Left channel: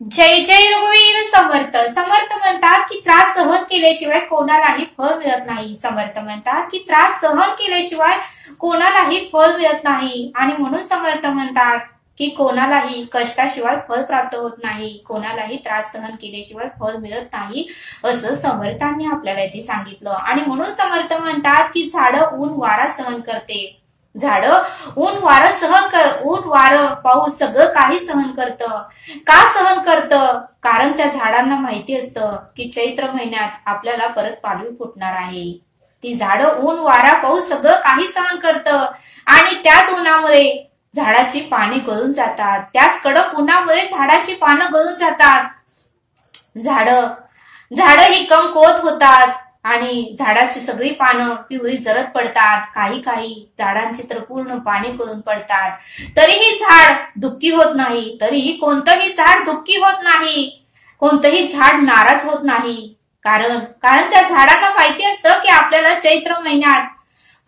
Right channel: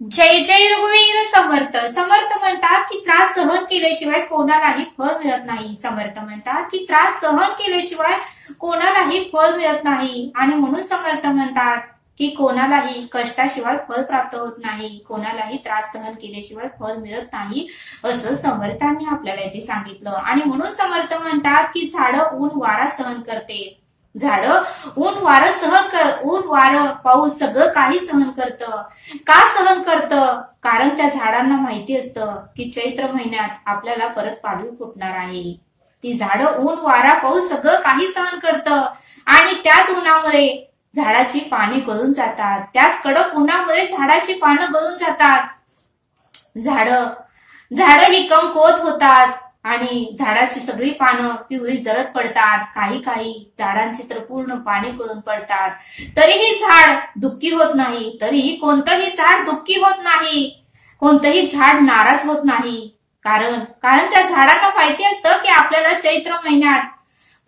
जय जय रघुवीर समर्थ. समर्थ म्हणतात की त्रास सहन केल्याशिवाय कोणालाही फळ मिळत नाही. समर्थ म्हणतात की त्रास सहन केल्याशिवाय कोणालाही फळ मिळत नाही. आणि म्हणून समर्थ म्हणतात की कोणालाही कष्टाशिवाय फळ प्राप्त होत नाही, कोणालाही त्रास सहन केल्याशिवाय फळ मिळत नाही, असं समर्थांनी आपल्याला इथे सांगितलं. आणि म्हणून समर्थ म्हणतात की झाडं ऊन वारा सहन करते. झाडं ऊन वारं पाऊस सगळं काही सहन करतं. का सहन करतं? कारण त्या झाडांना माहिती असतं की चैत्र महिन्यात आपल्याला परत पालवी फुटणार आहे. ती झाडं ऊन वारा पाऊस सगळं काही सहन करतं. आणि त्याच उन्हामध्ये झाडाची पाने गळून जातात. त्याच कडक उन्हामध्ये झाडाची पानं गळून जातात. झाडं ही कमकुवत होतात आणि झाडाची सगळी पानं पिवळी जरद पडतात. काही झाडांची तर पूर्ण पाने गळून पडतात. तरीही झाड दुःखी होत नाही. तरीही कोणतंही झाड दुःखी होत नाही. कोणतंही झाड नाराज होत नाही. कारण त्या झाडांना माहिती असतं की आपल्याला चैत्र महिन्यात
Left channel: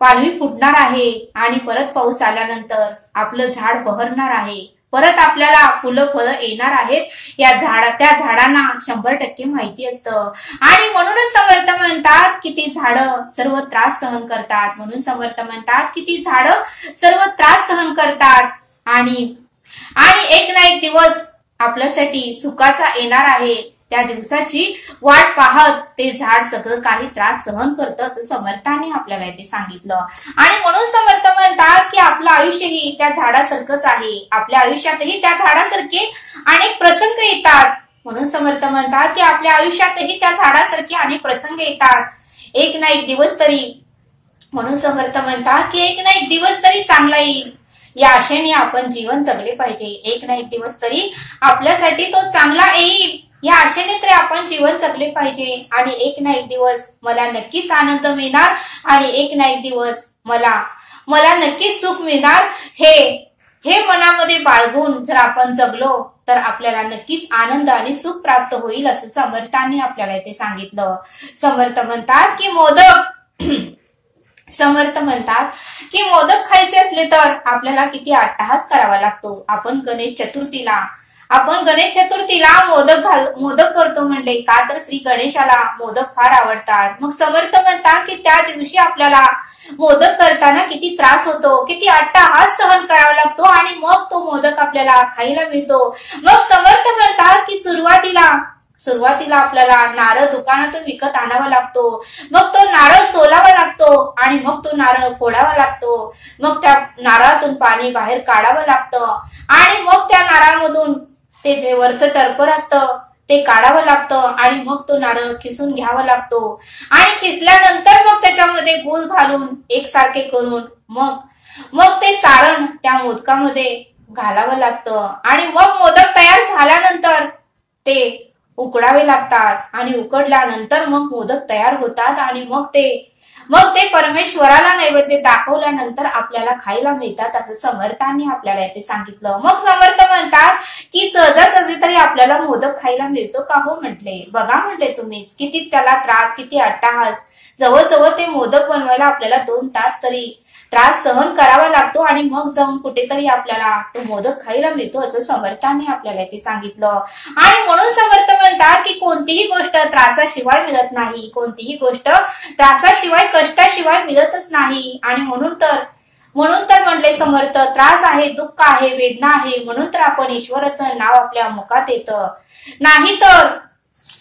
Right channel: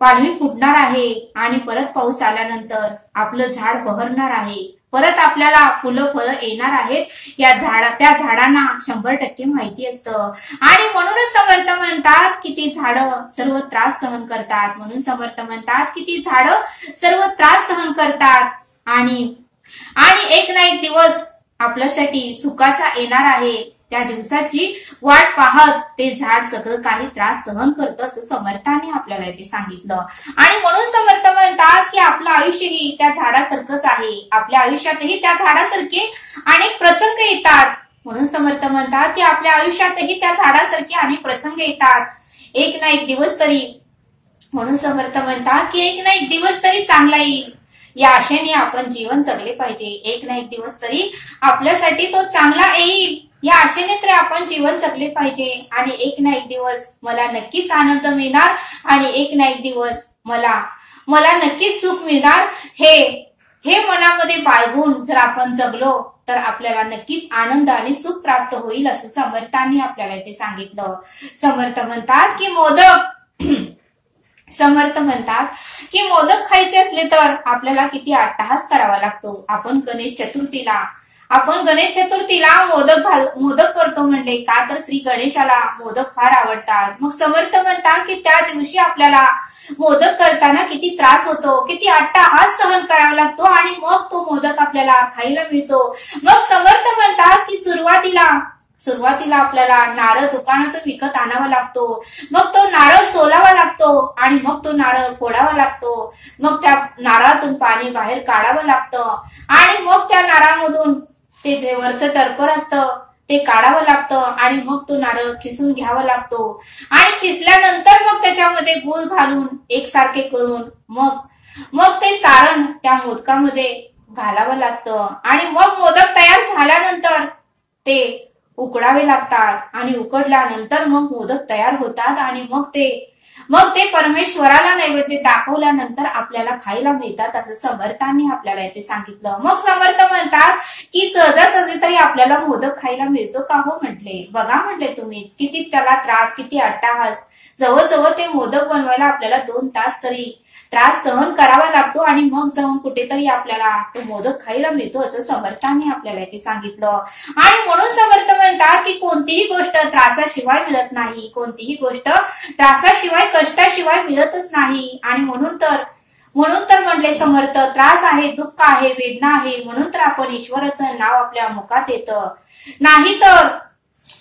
पालवी फुटणार आहे आणि परत पाऊस आल्यानंतर आपलं झाड बहरणार आहे. परत आपल्याला फुलं फळं येणार आहेत. त्या झाडांना 100% माहिती असतं. आणि म्हणूनच समर्थ म्हणतात की ती झाडं सर्व त्रास सहन करतात. म्हणून समर्थ म्हणतात की ती झाडं सर्व त्रास सहन करतात. आणि एक ना एक दिवस आपल्यासाठी सुखाचा येणार आहे. त्या दिवसाची वाट पाहत ते झाड सगळं काही त्रास सहन करतं, असं समर्थांनी आपल्याला इथे सांगितलं. आणि म्हणून समर्थ म्हणतात की आपलं आयुष्यही त्या झाडासारखंच आहे. आपल्या आयुष्यातही त्या झाडासारखे अनेक प्रसंग येतात. म्हणून समर्थ म्हणतात की आपल्या आयुष्यातही त्या झाडासारखे अनेक प्रसंग येतात. एक ना एक दिवस तरी, म्हणून समर्थ म्हणतात की एक ना एक दिवस तरी चांगला येईल, या आशेने आपण जीवन जगले पाहिजे. एक ना एक दिवस तरी आपल्यासाठी तो चांगला येईल, या आशेने तरी आपण जीवन जगले पाहिजे. आणि एक ना एक दिवस मला नक्कीच आनंद मिळणार आणि एक ना एक दिवस मला नक्कीच सुख मिळणार, हे मनामध्ये बाळगून जर आपण जगलो तर आपल्याला नक्कीच आनंद आणि सुख प्राप्त होईल, असं समर्थांनी आपल्याला इथे सांगितलं. समर्थ म्हणतात की मोदक खायचे असले तर आपल्याला किती अट्टहास करावा लागतो. आपण गणेश चतुर्थीला मोदक करतो म्हणजे का तर श्री गणेशाला मोदक फार आवडतात. मग समर्थ म्हणतात की त्या दिवशी आपल्याला मोदक करताना किती त्रास होतो, किती अट्टहास सहन करावा लागतो आणि मग तो मोदक आपल्याला खायला मिळतो. मग समर्थ म्हणतात की सुरुवातीला आपल्याला नारळ दुकानातून विकत आणावा लागतो. मग तो नारळ सोलावा लागतो आणि मग तो नारळ फोडावा लागतो. मग त्या नारळातून पाणी बाहेर काढावं लागतं आणि मग त्या नारळामधून ते जे वरचं टरपर असतं ते काढावं लागतं आणि मग तो नारळ खिसून घ्यावा लागतो. आणि खिसल्यानंतर मग त्याच्यामध्ये गूळ घालून एकसारखे करून मग ते सारण त्या मोदकामध्ये घालावं लागतं. आणि मग मोदक तयार झाल्यानंतर ते उकडावे लागतात आणि उकडल्यानंतर मग मोदक तयार होतात आणि मग ते परमेश्वराला नैवेद्य दाखवल्यानंतर आपल्याला खायला मिळतात, असं समर्थांनी आपल्याला इथे सांगितलं. मग समर्थ म्हणतात की सहजासहजी तरी आपल्याला मोदक खायला मिळतो का हो म्हटले. बघा म्हटले तुम्हीच किती त्याला त्रास, किती अट्टहास. जवळजवळ ते मोदक बनवायला आपल्याला 2 तास तरी त्रास सहन करावा लागतो आणि मग जाऊन कुठेतरी आपल्याला तो मोदक खायला मिळतो, असं समर्थांनी आपल्याला इथे सांगितलं. आणि म्हणून समर्थ म्हणतात की कोणतीही गोष्ट त्रासाशिवाय मिळत नाही. कोणतीही गोष्ट त्रासाशिवाय, कष्टाशिवाय मिळतच नाही. आणि म्हणून तर म्हणले समर्थ, त्रास आहे, दुःख आहे, वेदना आहे, म्हणून तर आपण ईश्वराचं नाव आपल्या मुखात येतं. नाही तर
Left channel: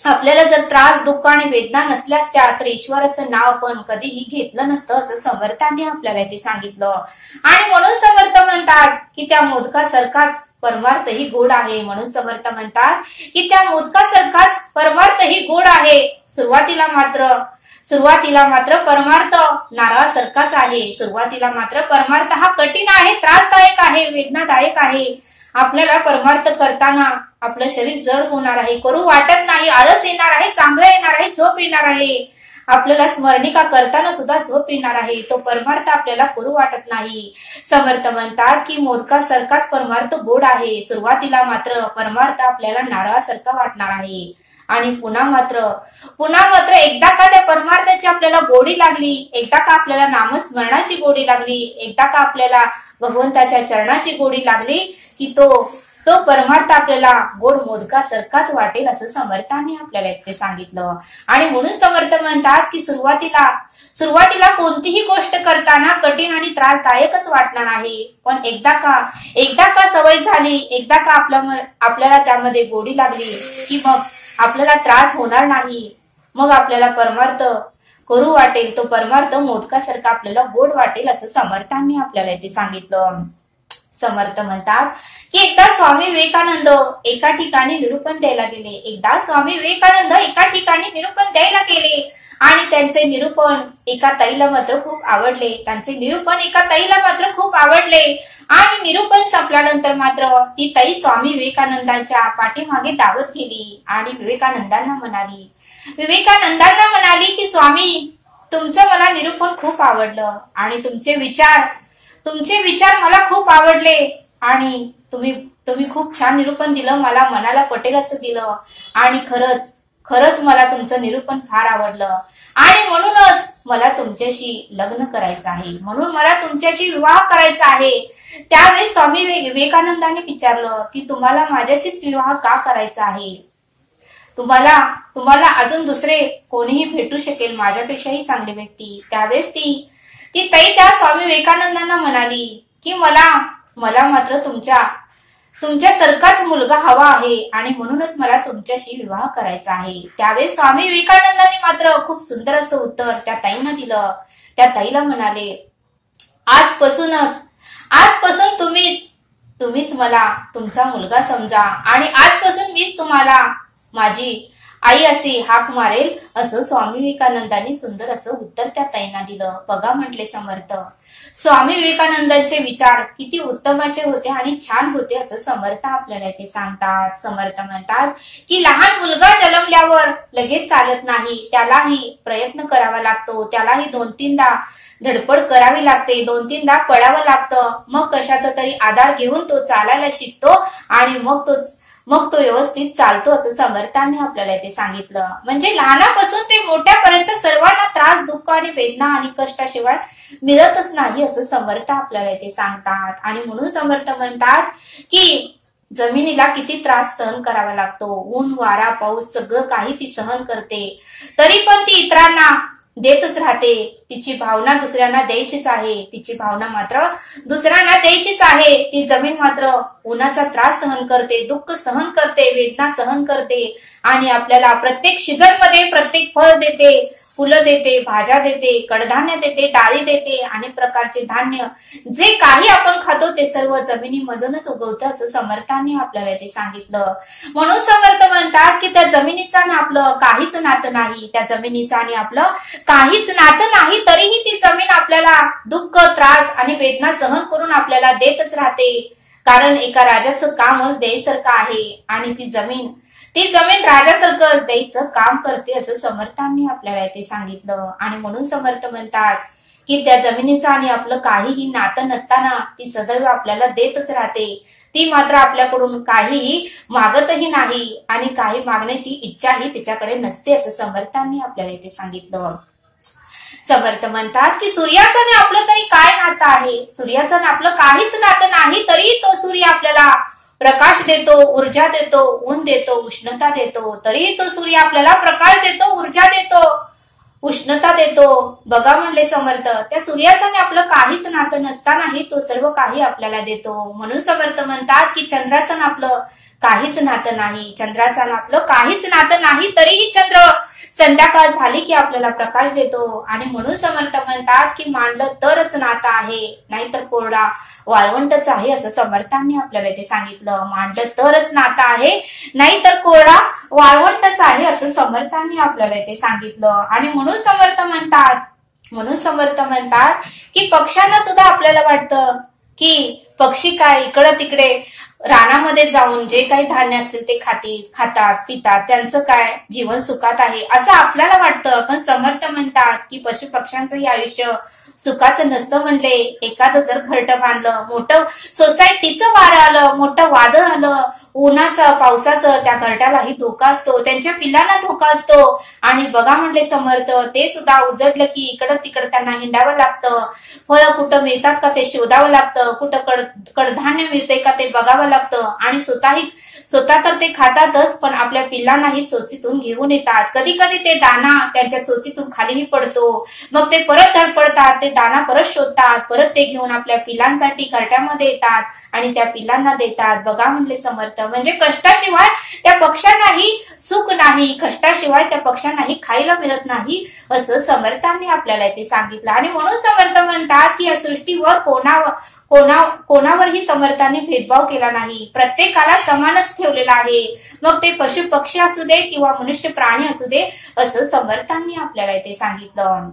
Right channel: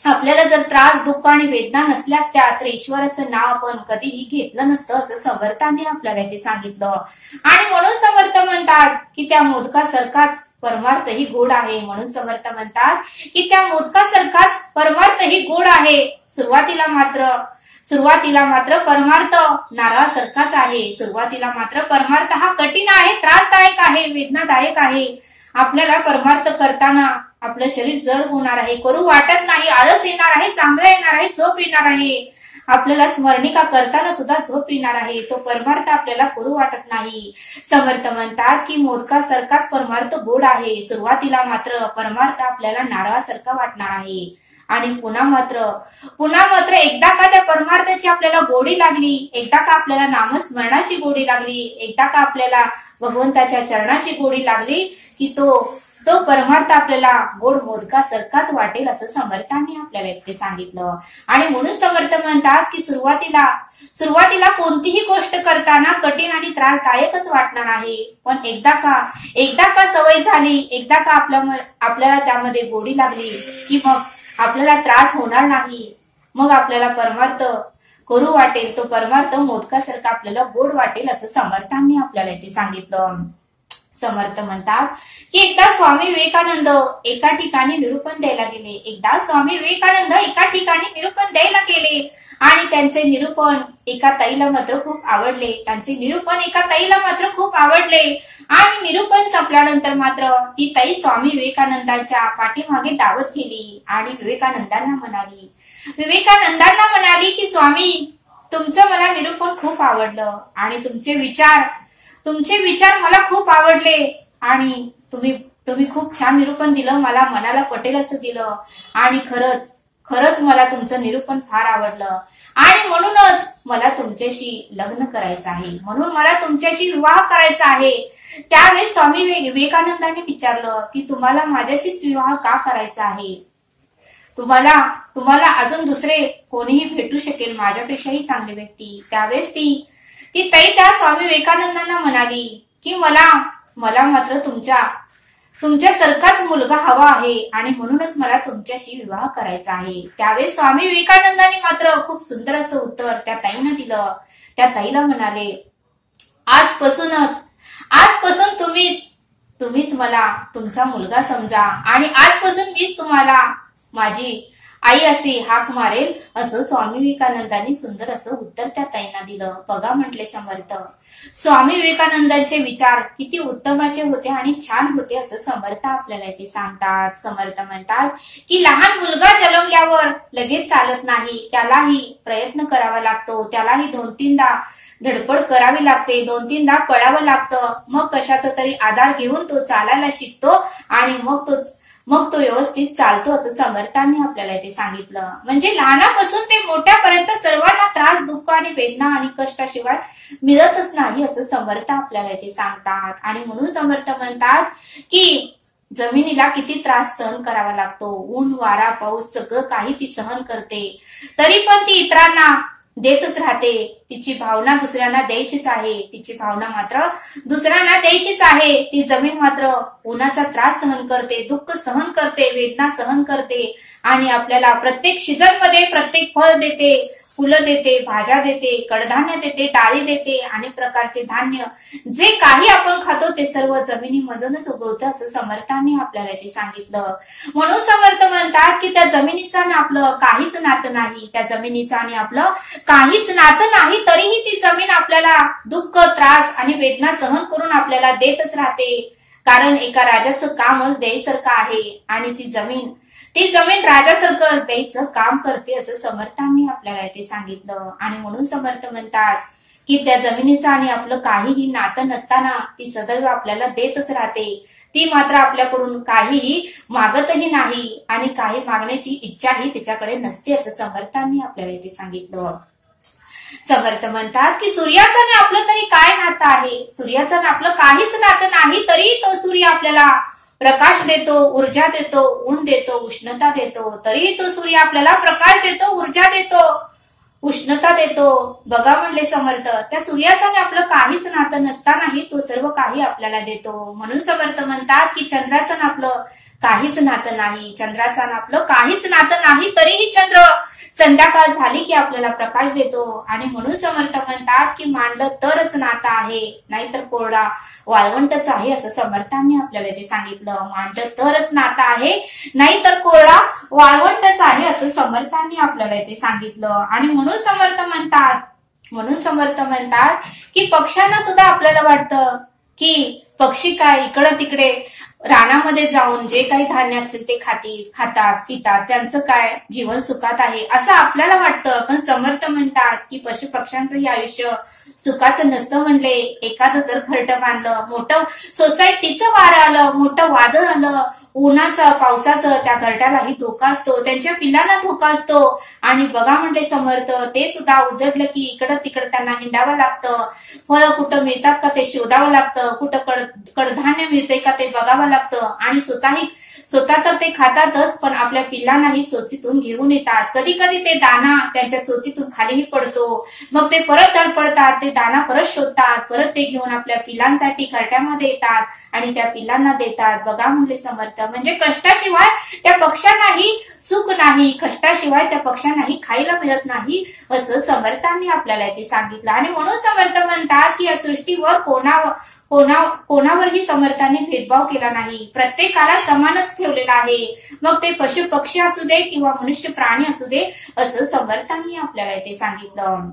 आपल्याला जर त्रास, दुःख आणि वेदना नसल्या असत्या तर ईश्वराचं नाव आपण कधीही घेतलं नसतं, असं समर्थांनी आपल्याला ते सांगितलं. आणि म्हणून समर्थ म्हणतात की त्या मोदकासारखाच परमार्थही गोड आहे. म्हणून समर्थ म्हणतात की त्या मोदकासारखाच परमार्थही गोड आहे. सुरुवातीला मात्र परमार्थ नारळासारखाच आहे. सुरुवातीला मात्र परमार्थ हा कठीण आहे, त्रासदायक आहे, वेदनादायक आहे. आपल्याला परमार्थ करताना आपलं शरीर जड होणार आहे, करू वाटत नाही, आळस येणार आहे, चांगलं येणार आहे, झोप येणार आहे. आपल्याला स्मरणिका करताना सुद्धा झोप येणार आहे. तो परमार्थ आपल्याला करू वाटत नाही. समर्थ म्हणतात की मोदकासारखाच परमार्थ गोड आहे. सुरुवातीला मात्र परमार्थ आपल्याला नारळासारखा वाटणार आहे आणि पुन्हा मात्र एकदा का त्या परमार्थाची आपल्याला गोडी लागली, एकदा का आपल्याला नामस्मरणाची गोडी लागली, एकदा का आपल्याला भगवंताच्या चरणाची गोडी लागली की तो तो परमार्थ आपल्याला गोड मोदकासारखाच वाटेल असं समर्थांनी आपल्याला इथे सांगितलं. आणि म्हणून समर्थ म्हणतात की सुरुवातीला कोणतीही गोष्ट करताना कठीण आणि त्रासदायकच वाटणार आहे, पण एकदा का सवय झाली, एकदा का आपल्याला त्यामध्ये गोडी लागली की मग आपल्याला त्रास होणार नाही, मग आपल्याला परमार्थ करू वाटेल, तो परमार्थ मोदकासारखा आपल्याला गोड वाटेल असं समर्थांनी आपल्याला इथे सांगितलं. समर्थ म्हणतात की एकदा स्वामी विवेकानंद एका ठिकाणी निरूपण द्यायला गेले आणि त्यांचे निरूपण एका ताईला मात्र खूप आवडले आणि निरूपण संपल्यानंतर मात्र ती ताई स्वामी विवेकानंदांच्या पाठीमागे धावत गेली आणि विवेकानंदांना म्हणाली की स्वामी, तुमचं मला निरूपण खूप आवडलं आणि तुमचे विचार मला खूप आवडले आणि तुम्ही खूप छान निरूपण दिलं, मला मनाला पटेल असं दिलं आणि खरंच मला तुमचं निरूपण फार आवडलं आणि म्हणूनच मला तुमच्याशी लग्न करायचं आहे, म्हणून मला तुमच्याशी विवाह करायचा आहे. त्यावेळेस स्वामी विवेकानंदांनी विचारलं की तुम्हाला माझ्याशीच विवाह का करायचा आहे? तुम्हाला अजून दुसरे कोणीही भेटू शकेल, माझ्यापेक्षाही चांगली व्यक्ती. त्यावेळेस ती ताई त्या स्वामी विवेकानंदांना म्हणाली की मला मात्र तुमच्यासारखाच मुलगा हवा आहे आणि म्हणूनच मला तुमच्याशी विवाह करायचा आहे. त्यावेळेस स्वामी विवेकानंदांनी मात्र खूप सुंदर असं उत्तर त्या ताईनं दिलं. त्या ताईला म्हणाले, आजपासून तुम्हीच मला तुमचा मुलगा समजा आणि आजपासून मीच तुम्हाला माझी आई असे हाक मारेल असं स्वामी विवेकानंदांनी सुंदर असं उत्तर त्या ताईंना दिलं. बघा म्हटले समर्थ, स्वामी विवेकानंदांचे विचार किती उत्तमाचे होते आणि छान होते असं समर्थ आपल्याला इथे सांगतात. समर्थ म्हणतात की लहान मुलगा जन्मल्यावर लगेच चालत नाही, त्यालाही प्रयत्न करावा लागतो, त्यालाही 2-3दा धडपड करावी लागते, 2-3दा पडावं लागतं, मग कशाचा तरी आधार घेऊन तो चालायला शिकतो आणि मग तो व्यवस्थित चालतो असं समर्थांनी आपल्याला इथे सांगितलं. म्हणजे लहानापासून ते मोठ्यापर्यंत सर्वांना त्रास, दुःख आणि वेदना आणि कष्टाशिवाय मिळतच नाही असं समर्थ आपल्याला इथे सांगतात. आणि म्हणून समर्थ म्हणतात की जमिनीला किती त्रास सहन करावा लागतो, ऊन, वारा, पाऊस सगळं काही ती सहन करते, तरी पण ती इतरांना देतच राहते. तिची भावना दुसऱ्यांना द्यायचीच आहे, तिची भावना मात्र दुसऱ्यांना द्यायचीच आहे. ती जमीन मात्र उन्हाचा त्रास सहन करते, दुःख सहन करते, वेदना सहन करते आणि आपल्याला प्रत्येक सीझन मध्ये प्रत्येक फळ देते, फुलं देते, भाज्या देते, कडधान्य देते, डाळी देते, अनेक प्रकारचे धान्य, जे काही आपण खातो ते सर्व जमिनीमधूनच उगवतं असं समर्थांनी आपल्याला ते सांगितलं. म्हणून समर्थ म्हणतात की त्या जमिनीचं आणि आपलं काहीच नातं नाही, त्या जमिनीचं आणि आपलं काहीच नातं नाही, तरीही ती जमीन आपल्याला दुःख, त्रास आणि वेदना सहन करून आपल्याला देतच राहते. कारण एका राजाचं कामच द्यायसारखं आहे आणि ती जमीन राजासारखं द्यायचं काम करते असं समर्थांनी आपल्याला इथे सांगितलं. आणि म्हणून समर्थ म्हणतात की त्या जमिनीचं आणि आपलं काहीही नातं नसताना ती सदैव आपल्याला देतच राहते. ती मात्र आपल्याकडून काहीही मागतही नाही आणि काही मागण्याची इच्छाही तिच्याकडे नसते असं समर्थांनी आपल्याला इथे सांगितलं. समर्थ म्हणतात की सूर्याचं आणि आपलं तरी काय नातं आहे, सूर्याचं आणि आपलं काहीच नातं नाही, तरी तो सूर्य आपल्याला प्रकाश देतो, ऊर्जा देतो, ऊन देतो, उष्णता देतो, तरी तो सूर्य आपल्याला प्रकाश देतो, ऊर्जा देतो, उष्णता देतो. बघा म्हणले समर्थ, त्या सूर्याचं आणि आपलं काहीच नातं नसतानाही तो सर्व काही आपल्याला देतो. म्हणून समर्थ म्हणतात की चंद्राचं आणि आपलं काहीच नातं नाही, चंद्राचं आणि आपलं काहीच नातं नाही, तरीही चंद्र संध्याकाळ झाली की आपल्याला प्रकाश देतो. आणि म्हणून समर्थ म्हणतात की मांडलं तरच नातं आहे, नाहीतर कोरडा वाळवंटच आहे असं समर्थांनी आपल्याला इथे सांगितलं. मांडलं तरच नातं आहे, नाहीतर कोरडा वाळवंटच आहे असं समर्थांनी आपल्याला इथे सांगितलं. आणि म्हणून समर्थ म्हणतात की पक्ष्यांना सुद्धा आपल्याला वाटतं की पक्षी काय इकडं तिकडे रानामध्ये जाऊन जे काही धान्य असतील ते खातात, पितात, त्यांचं काय जीवन सुखात आहे असं आपल्याला वाटतं. पण समर्थ म्हणतात की पशु पक्ष्यांचंही आयुष्य सुखाचं नसतं. म्हणले एखादं जर घरटं बांधलं, मोठं सोसायटीचं वारं आलं, मोठं वादळ आलं, उन्हाचं पावसाचं त्या घरट्यालाही धोका असतो, त्यांच्या पिल्लांना धोका असतो. आणि बघा म्हणले समर्थ, ते सुद्धा उजडलं की इकडं तिकडं त्यांना हिंडावं लागतं. फळं कुठं मिळतात का ते शोधावं लागतं, कुठं कडधान्य मिळतंय का ते बघावं लागतं. आणि स्वतः तर ते खातातच, पण आपल्या पिल्लांनाही चोचीतून घेऊन येतात. कधी कधी ते दाना त्यांच्या चोचीतून खालीही पडतो. मग ते परत धडपडतात, ते दाना परत शोधतात, परत ते घेऊन आपल्या पिल्लांसाठी घरट्यामध्ये येतात आणि त्या पिल्लांना देतात. बघा म्हणले समर्थ, म्हणजे कष्टाशिवाय त्या पक्ष्यांनाही सुख नाही, कष्टाशिवाय त्या पक्ष्यांनाही खायला मिळत नाही, असं समर्थांनी आपल्याला ते सांगितलं. आणि म्हणून समर्थ म्हणतात की या सृष्टीवर कोणावरही समर्थांनी भेदभाव केला नाही, प्रत्येकाला समानच ठेवलेला आहे. मग ते पशु पक्षी असू दे किंवा मनुष्य प्राणी असू दे, असं समर्थांनी आपल्याला इथे सांगितलं.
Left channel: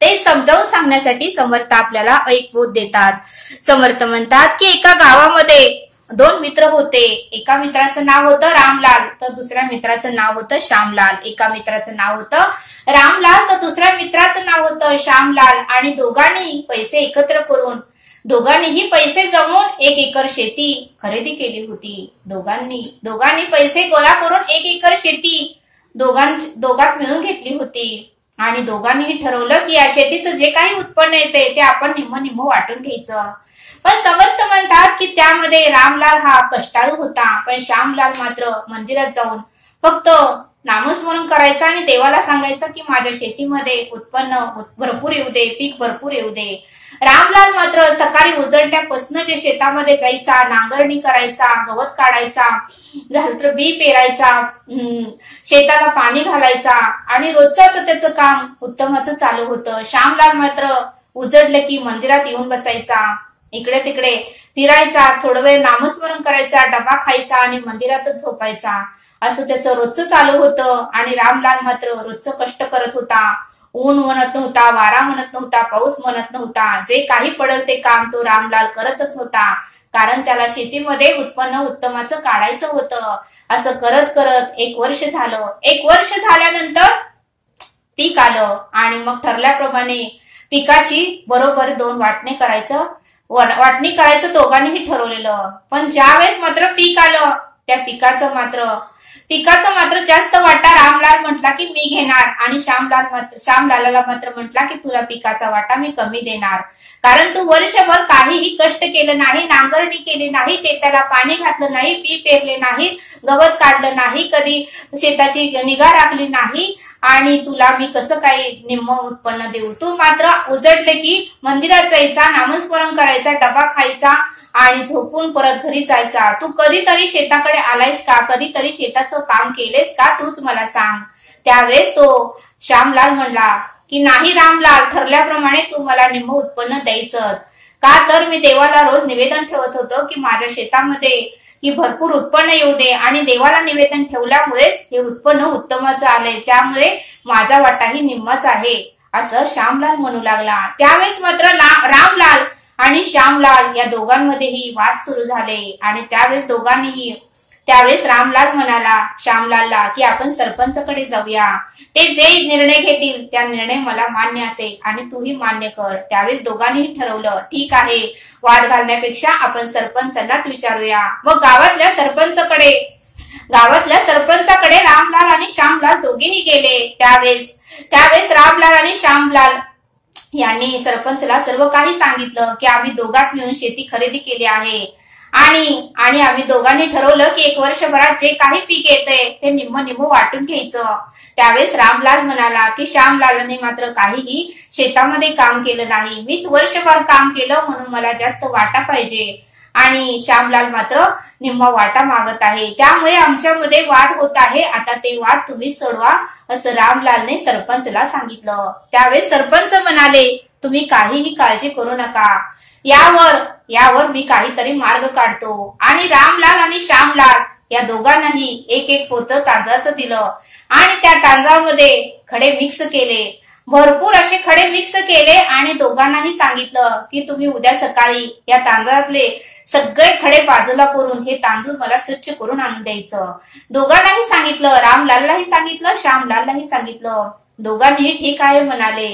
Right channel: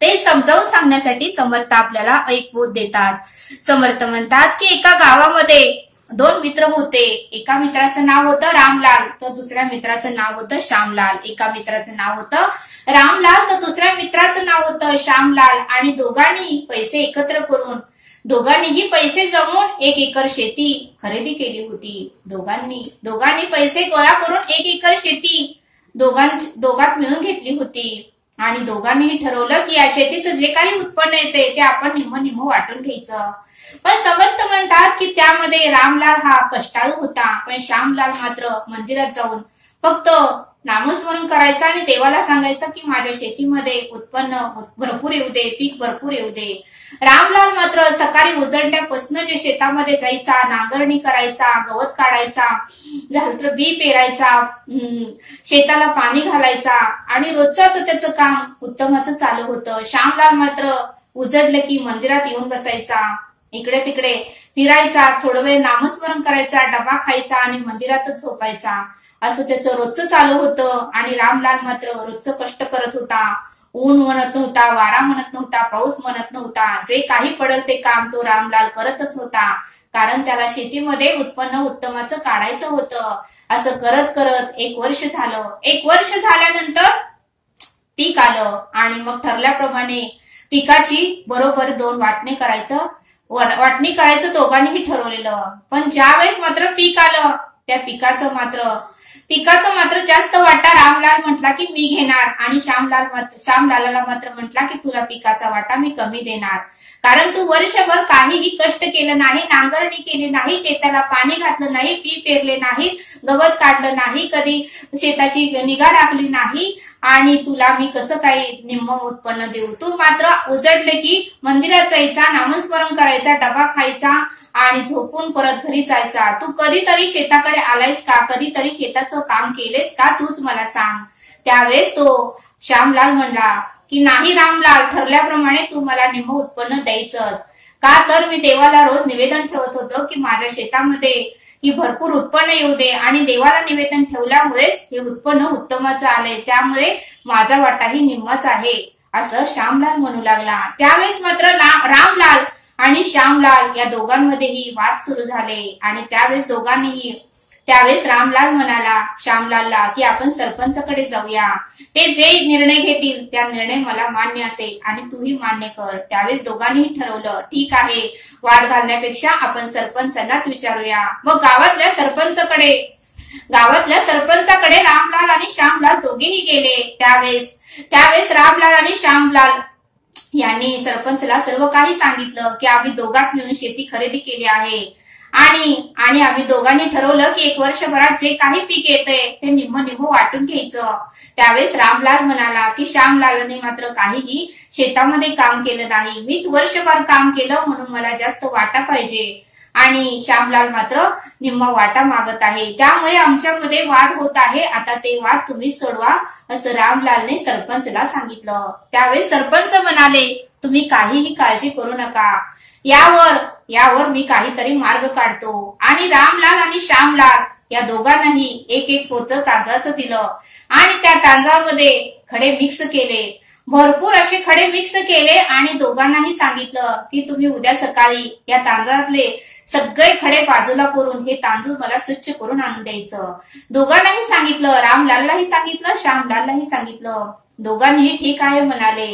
ते समजावून सांगण्यासाठी समर्थ आपल्याला एक बोध देतात. समर्थ म्हणतात की एका गावामध्ये 2 मित्र होते. एका मित्राचं नाव होतं रामलाल, तर दुसऱ्या मित्राचं नाव होतं श्यामलाल. एका मित्राचं नाव होतं रामलाल, तर दुसऱ्या मित्राचं नाव होतं श्यामलाल. आणि दोघांनी पैसे एकत्र करून, दोघांनीही पैसे जमवून 1 एकर शेती खरेदी केली होती. दोघांनी पैसे गोळा करून 1 एकर शेती दोघात मिळून घेतली होती. आणि दोघांनीही ठरवलं की या शेतीचं जे काही उत्पन्न येते ते आपण निम्म वाटून घ्यायचं. पण समर्थ म्हणतात की त्यामध्ये रामलाल हा कष्टाळू होता, पण श्यामलाल मात्र मंदिरात जाऊन फक्त नामस्मरण करायचा आणि देवाला सांगायचं की माझ्या शेतीमध्ये उत्पन्न भरपूर येऊ दे, पीक भरपूर येऊ दे. रामलाल मात्र सकाळी उजळल्यापासून जे शेतामध्ये जायचा, नांगरणी करायचा, गवत काढायचा, झालं तर बी पेरायचा, शेताला पाणी घालायचा आणि रोजचं असं त्याचं काम उत्तमाचं चालू होतं. श्यामलाल मात्र उजळलं की मंदिरात येऊन बसायचा, इकडे तिकडे फिरायचा, थोडं वेळ नामस्मरण करायचा, डबा खायचा आणि मंदिरातच झोपायचा. असं त्याचं रोजचं चालू होतं. आणि रामलाल मात्र रोजचं कष्ट करत होता. ऊन म्हणत नव्हता, वारा म्हणत नव्हता, पाऊस म्हणत नव्हता, जे काही पडेल ते काम तो रामलाल करतच होता, कारण त्याला शेतीमध्ये उत्पन्न उत्तमाचं काढायचं होतं. असं करत करत 1 वर्ष झालं. 1 वर्ष झाल्यानंतर पीक आलं आणि मग ठरल्याप्रमाणे पिकाची बरोबर 2 वाटणी करायचं दोघांनीही ठरवलेलं. पण ज्या वेळेस मात्र पीक आलं, त्या पिकाचं मात्र जास्त वाटा रामलाल म्हटला की मी घेणार, आणि श्यामलालाला मात्र म्हटला की तुला पिकाचा वाटा मी कमी देणार, कारण तू वर्षभर काहीही कष्ट केलं नाही, नांगरणी केली नाही, शेताला पाणी घातलं नाही, बी पेरले नाही, गवत काढलं नाही, कधी शेताची निगा राखली नाही, आणि तुला मी कसं काही निम्म उत्पन्न देऊ. तू मात्र उजडले की मंदिरात जायचा, नामस्मरण करायचा, डबा खायचा आणि झोपून परत घरी जायचा. तू कधीतरी शेताकडे आलायस का, कधीतरी शेताचं काम केलेस का, तूच मला सांग. त्यावेळेस तो श्यामलाल म्हणला की नाही रामलाल, ठरल्याप्रमाणे तू मला निम्म उत्पन्न द्यायचंच. का तर मी देवाला रोज निवेदन ठेवत होतो की माझ्या शेतामध्ये की भरपूर उत्पन्न येऊ दे, आणि देवाला निवेदन ठेवल्यामुळेच हे उत्पन्न उत्तमाचं आले, त्यामुळे माझा वाटाही निम्माच आहे, असं श्यामलाल म्हणू लागला. त्यावेळेस मात्र रामलाल आणि श्यामलाल या दोघांमध्येही वाद सुरू झाले. आणि त्यावेळेस रामलाल म्हणाला श्यामलालला की आपण सरपंचाकडे जाऊया, ते जे निर्णय घेतील त्या निर्णय मला मान्य असेल आणि तूही मान्य कर. त्यावेळेस दोघांनीही ठरवलं ठीक आहे, वाद घालण्यापेक्षा आपण सरपंचांनाच विचारूया. मग गावातल्या सरपंचाकडे रामलाल आणि श्यामलाल दोघेही गेले. त्यावेळेस रामलाल आणि श्यामलाल यांनी सरपंचला सर्व काही सांगितलं की आम्ही दोघात मिळून शेती खरेदी केली आहे, आणि आम्ही दोघांनी ठरवलं की 1 वर्षभरात जे काही पीक येतंय ते निम्म वाटून घ्यायचं. त्यावेळेस रामलाल म्हणाला की श्यामलालने मात्र काहीही शेतामध्ये काम केलं नाही, मीच वर्षभर काम केलं म्हणून मला जास्त वाटा पाहिजे, आणि श्यामलाल मात्र निम्मा वाटा मागत आहे, त्यामुळे आमच्यामध्ये वाद होत आहे, आता ते वाद तुम्ही सोडवा, असं रामलालने सरपंचला सांगितलं. त्यावेळेस सरपंच म्हणाले तुम्ही काहीही काळजी करू नका, यावर मी काहीतरी मार्ग काढतो. आणि रामलाल आणि श्यामलाल या दोघांनाही 1 पोतं तांदळाचं दिलं आणि त्या तांदळामध्ये खडे मिक्स केले, भरपूर असे खडे मिक्स केले, आणि दोघांनाही सांगितलं की तुम्ही उद्या सकाळी या तांदळातले सगळे खडे बाजूला करून हे तांदूळ मला स्वच्छ करून आणून द्यायचं. दोघांनाही सांगितलं, रामलाललाही सांगितलं, श्यामलाललाही सांगितलं. दोघांनी ठीक आहे म्हणाले.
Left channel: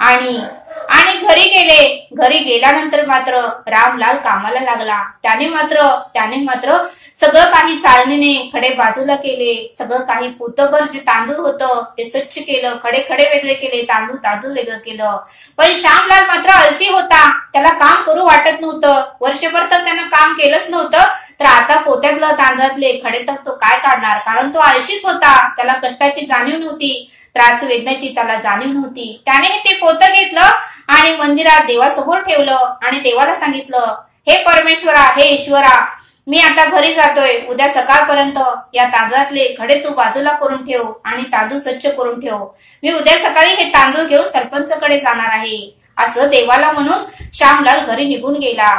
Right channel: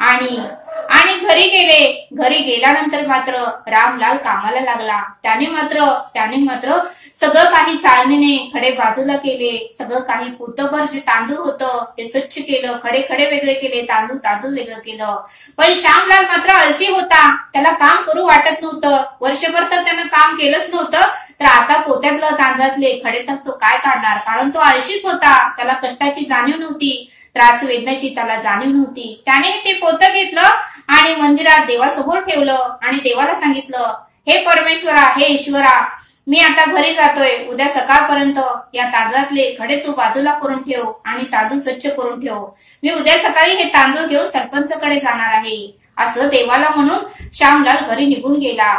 आणि घरी गेले. घरी गेल्यानंतर मात्र रामलाल कामाला लागला. त्याने मात्र सगळं काही चाळणीने खडे बाजूला केले. सगळं काही पोतभर जे तांदूळ होतं ते स्वच्छ केलं. खडे वेगळे केले, तांदूळ वेगळं केलं. पण श्यामलाल मात्र आळसी होता. त्याला काम करू वाटत नव्हतं. वर्षभर तर त्यानं काम केलंच नव्हतं, तर आता पोत्यातलं तांदळातले खडे तर तो काय काढणार, कारण तो आळशीच होता. त्याला कष्टाची जाणीव नव्हती, त्रास वेदनेची त्याला जाणीव नव्हती. त्याने ते पोतं घेतलं आणि मंदिरात देवासमोर ठेवलं आणि देवाला सांगितलं, हे परमेश्वरा, हे ईश्वरा, मी आता घरी जातोय. उद्या सकाळपर्यंत या तांदळातले खडे तू बाजूला करून ठेव आणि तांदूळ स्वच्छ करून ठेव. मी उद्या सकाळी हे तांदूळ घेऊन सरपंचकडे जाणार आहे, असं देवाला म्हणून श्यामलाल घरी निघून गेला.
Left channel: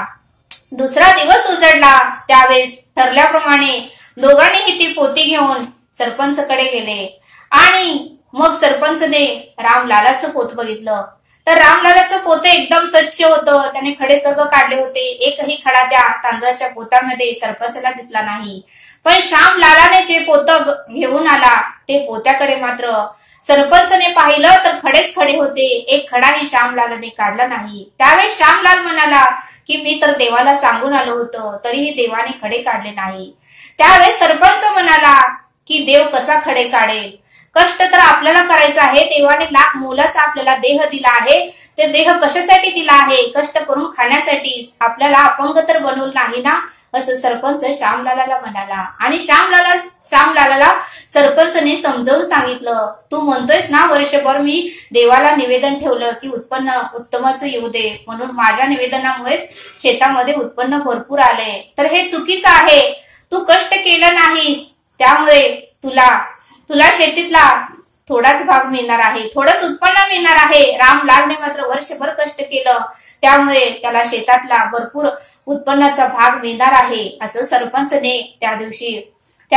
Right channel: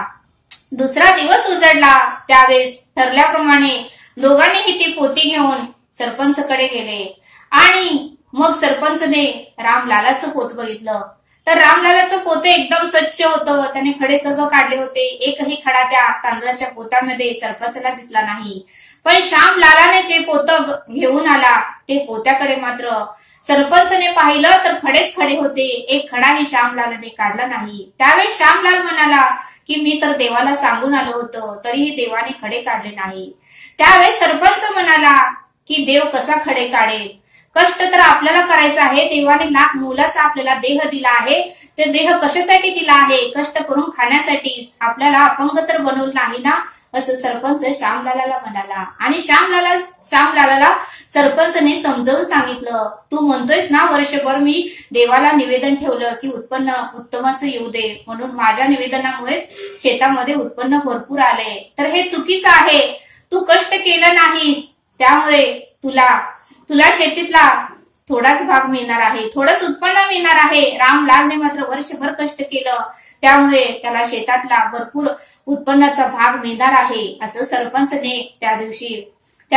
दुसरा दिवस उजडला. त्यावेळेस ठरल्याप्रमाणे दोघांनीही ती पोती घेऊन सरपंचकडे गेले आणि मग सरपंचने रामलालाचं पोत बघितलं. तर रामलालाचं पोतं एकदम स्वच्छ होतं. त्याने खडे सर्व काढले होते. एकही खडा त्या तांदळाच्या पोतामध्ये सरपंचला दिसला नाही. पण श्यामलालाने जे पोतं घेऊन आला ते पोत्याकडे मात्र सरपंचने पाहिलं तर खडेच खडे होते. एक खडाही श्यामलालाने काढला नाही. त्यावेळेस श्यामलाल म्हणाला की मी तर देवाला सांगून आलो होतो, तरीही देवाने खडे काढले नाही. त्यावेळेस सरपंच म्हणाला की देव कसा खडे काढेल, कष्ट तर आपल्याला करायचं आहे. देवाने लाख मोलाचा आपल्याला देह दिला आहे. ते देह कशासाठी दिला आहे, कष्ट करून खाण्यासाठी. आपल्याला अपंग तर बनवलं नाही ना, असं सरपंच श्यामलालाला म्हणाला. आणि श्यामलालाला सरपंचने समजावून सांगितलं, तू म्हणतोयस ना वर्षभर मी देवाला निवेदन ठेवलं की उत्पन्न उत्तमच येऊ दे, म्हणून माझ्या निवेदनामुळे शेतामध्ये उत्पन्न भरपूर आलंय, तर हे चुकीचं आहे. तू कष्ट केलं नाहीस, त्यामुळे तुला शेतीतला थोडाच भाग मिळणार आहे, थोडंच उत्पन्न मिळणार आहे. रामलालने मात्र वर्षभर कष्ट केलं, त्यामुळे त्याला शेतातला भरपूर उत्पन्नाचा भाग मिळणार आहे, असं सरपंचने त्या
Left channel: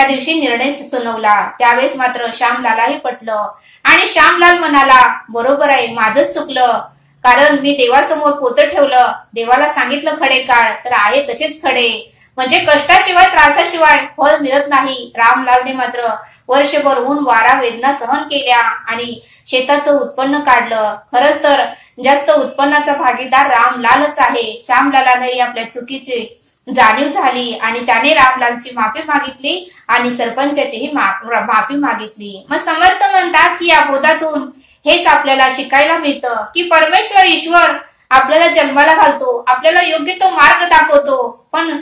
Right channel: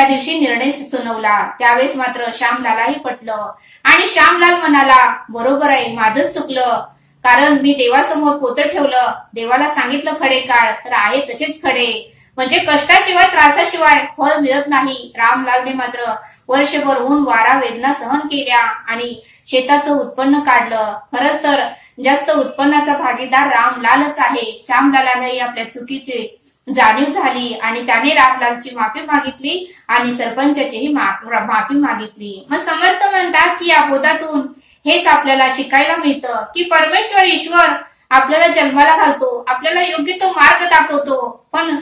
दिवशी निर्णय सुनावला. त्यावेळेस मात्र श्यामलालाही पटलं आणि श्यामलाल म्हणाला, बरोबर आहे, माझंच चुकलं, कारण मी देवासमोर पोतं ठेवलं, देवाला सांगितलं खडे काढ, तर आहे तसेच खडे. म्हणजे कष्टाशिवाय त्रासाशिवाय फळ मिळत नाही. रामलालने मात्र वर्षभर ऊन वारा वेदना सहन केल्या आणि शेताचं उत्पन्न काढलं. खरंच तर जास्त उत्पन्नाचा भागीदार रामलालच आहे. श्यामलालाने आपल्या चुकीची जाणीव झाली आणि त्याने रामलालची माफी मागितली आणि सरपंचाचीही माफी मागितली. मग समर्थ म्हणतात की या बोधातून हेच आपल्याला शिकायला मिळतं की परमेश्वर ईश्वर आपल्याला जन्माला घालतो, आपल्याला योग्य तो मार्ग दाखवतो, पण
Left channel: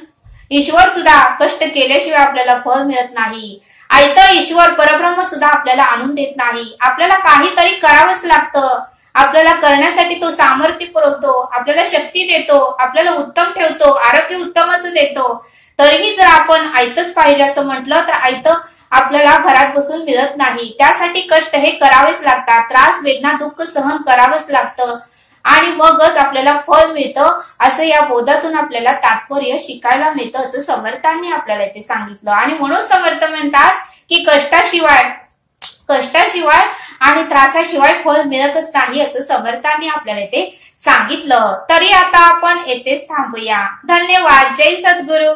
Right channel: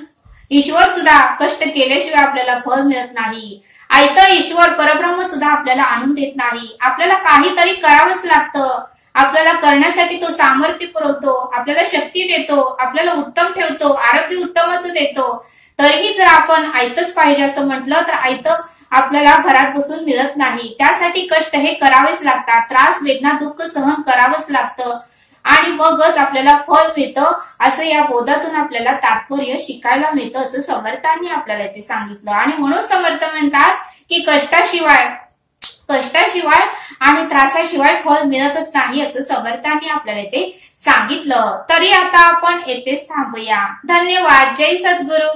ईश्वर सुद्धा कष्ट केल्याशिवाय आपल्याला फळ मिळत नाही. आयतं ईश्वर परब्रह्म सुद्धा आपल्याला आणून देत नाही. आपल्याला काहीतरी करावंच लागतं. आपल्याला करण्यासाठी तो सामर्थ्य पुरवतो, आपल्याला शक्ती देतो, आपल्याला उत्तम ठेवतो, आरोग्य उत्तमच देतो. तरीही जर आपण आयतच पाहिजे असं म्हटलं तर आयतं आपल्याला घरात बसून मिळत नाही. त्यासाठी कष्ट हे करावेच लागतात. त्रास वेदना दुःख सहन करावंच लागतं आणि मगच आपल्याला फळ मिळतं, असं या बोधातून आपल्याला तात्पर्य शिकायला मिळतं, असं समर्थांनी आपल्याला इथे सांगितलं. आणि म्हणून समर्थ म्हणतात की कष्टाशिवाय आणि त्रासाशिवाय फळ मिळतच नाही, असं समर्थांनी आपल्याला इथे सांगितलं. तरी आता आपण येथेच थांबूया. धन्यवाद. जय सद्गुरू.